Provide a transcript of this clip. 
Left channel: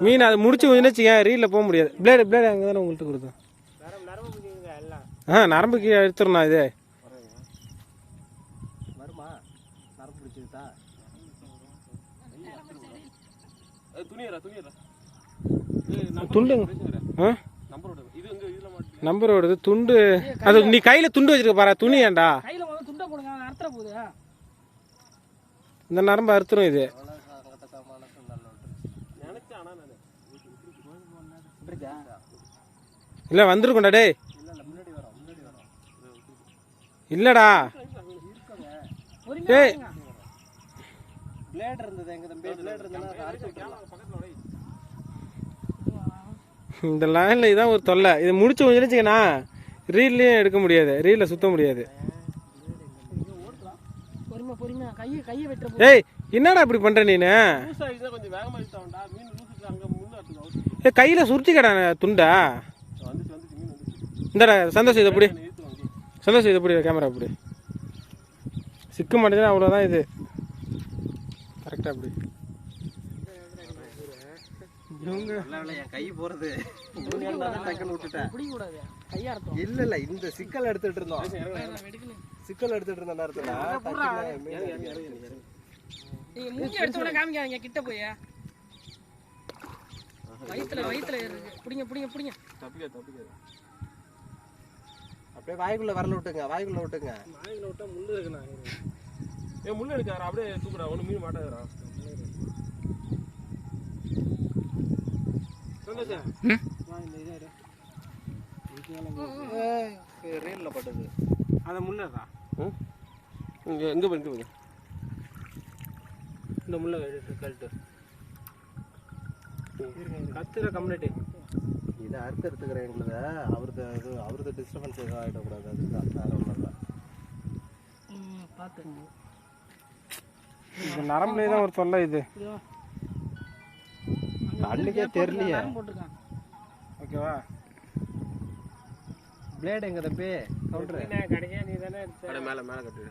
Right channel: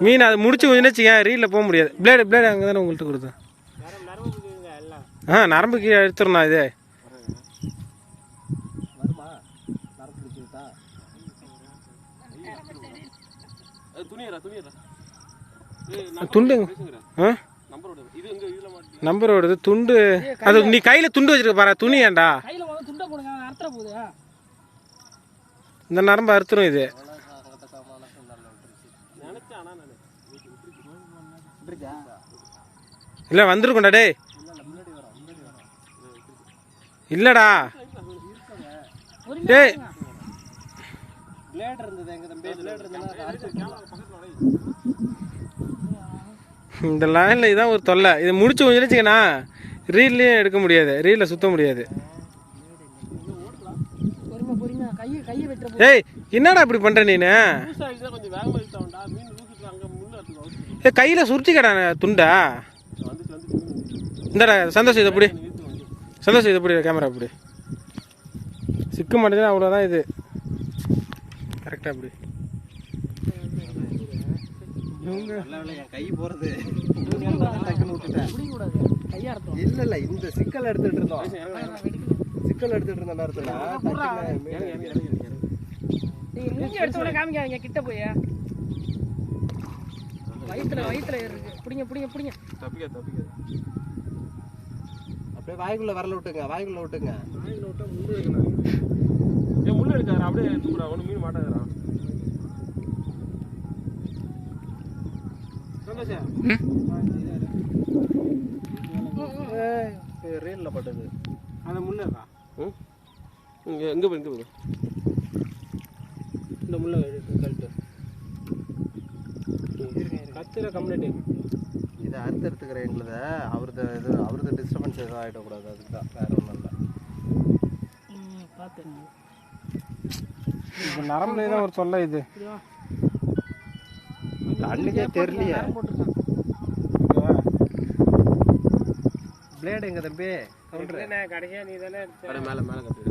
மீன் அதை முடிச்சு கொஞ்சம் வச்சுக்க ரீலில் போக முடியாது. பிளேடு பிளேடு அங்கே தானே உங்கள்கிட்ட கொடுத்தேன். ஆ நரம்பு கீழே எடுத்துடணும் இது. துண்டுங்க. ஆ? நம்பரோட இது எங்க இதுல மாட்டி நம்பர் ஓடுது துண்டு அது நீ கையில் துண்டு வச்சிருக்க பாரு துணி போகுது. இந்த நரம்பு அறுத்துரும் இது நினைச்சேன் ஆனா நானு விட்டுருச்சா இல்லை வந்திருக்கும்டா டேய் இல்லை இல்லை முன்னாடி வரோம் முன்னாடி வரோம் இல்லைடா பொறுமையா ஏய். இருங்க. பிளேட் இருந்தது எங்க தம்பி பிளேட் இருந்ததுன்னா அரைச்சு விட்டுருலாம். பக்கத்துல உடைய இந்த லைனில் இதான் ஒரு தொல்லை. இதை முடிச்சு கொஞ்சம் வச்சுக்கண்ணா ரீல்லையும் எடுக்க முடியாது. ரீலில் சுத்த முடியாது. ஏய் என்னடா இப்படி பண்ணுற நீனு? ஏ கையில் சுருட்டிக்கடா துண்டா. இந்தடா சந்தோஷம் இதை பிடி. இழுத்து வந்து சந்தோஷம் இதை பிடி கேமரா பிடி. சிக்க மாட்டேங்குது அவ்வளோதான் இது. கரெக்டாக அப்படி நல்ல வேளை என் கை போறது. இல்ல இல்ல இந்த சிக்கல் எடுத்துட்டு இருந்தோம். சிக்கல் எடுத்துட்டு இருந்த நேரத்துல. கிட்ட போய். வயித்துல வயித்துல இருக்கு. பிடிங்க பிடிங்க பிடிங்க. தப்பிக்க தப்பிக்க அப்படியே வாய்க்குள்ள வரல விட்டுங்க வாய்க்குள்ள விட்டுங்க. வாயில விட்டா முள்ளு இருக்குண்ணா. ஏன் முள்ளு எடுக்காரா அப்படியே தூக்குறா ஒன்றும் மீன் மாட்டாதரா சந்தோஷம் ரீல்ல பட்டது. அதை முன்னதா ம்? இங்கே எங்கே போய் இந்த முள்ள எடுத்து கழட்டு. கத்துற கம்யூனிட்டி. இதை அறுத்தெடுத்துக்கிற எங்களுத அவரது இது அவரது டிஸ்டர்பன்ஸ் எதுவும் ஆகிடக்கூடாது அதுதான் வேற ஒன்றும் இல்லை. பார்த்து இந்த நரம்புலேயே தான் ஒரு தொல்லை இது. கண்ணுக்கே தெரியலையே. ஓகேவா பிளேடு எங்க தம்பி? கவுண்டர் கடைசியாக நீ தானே மேலே மேலே கட்டு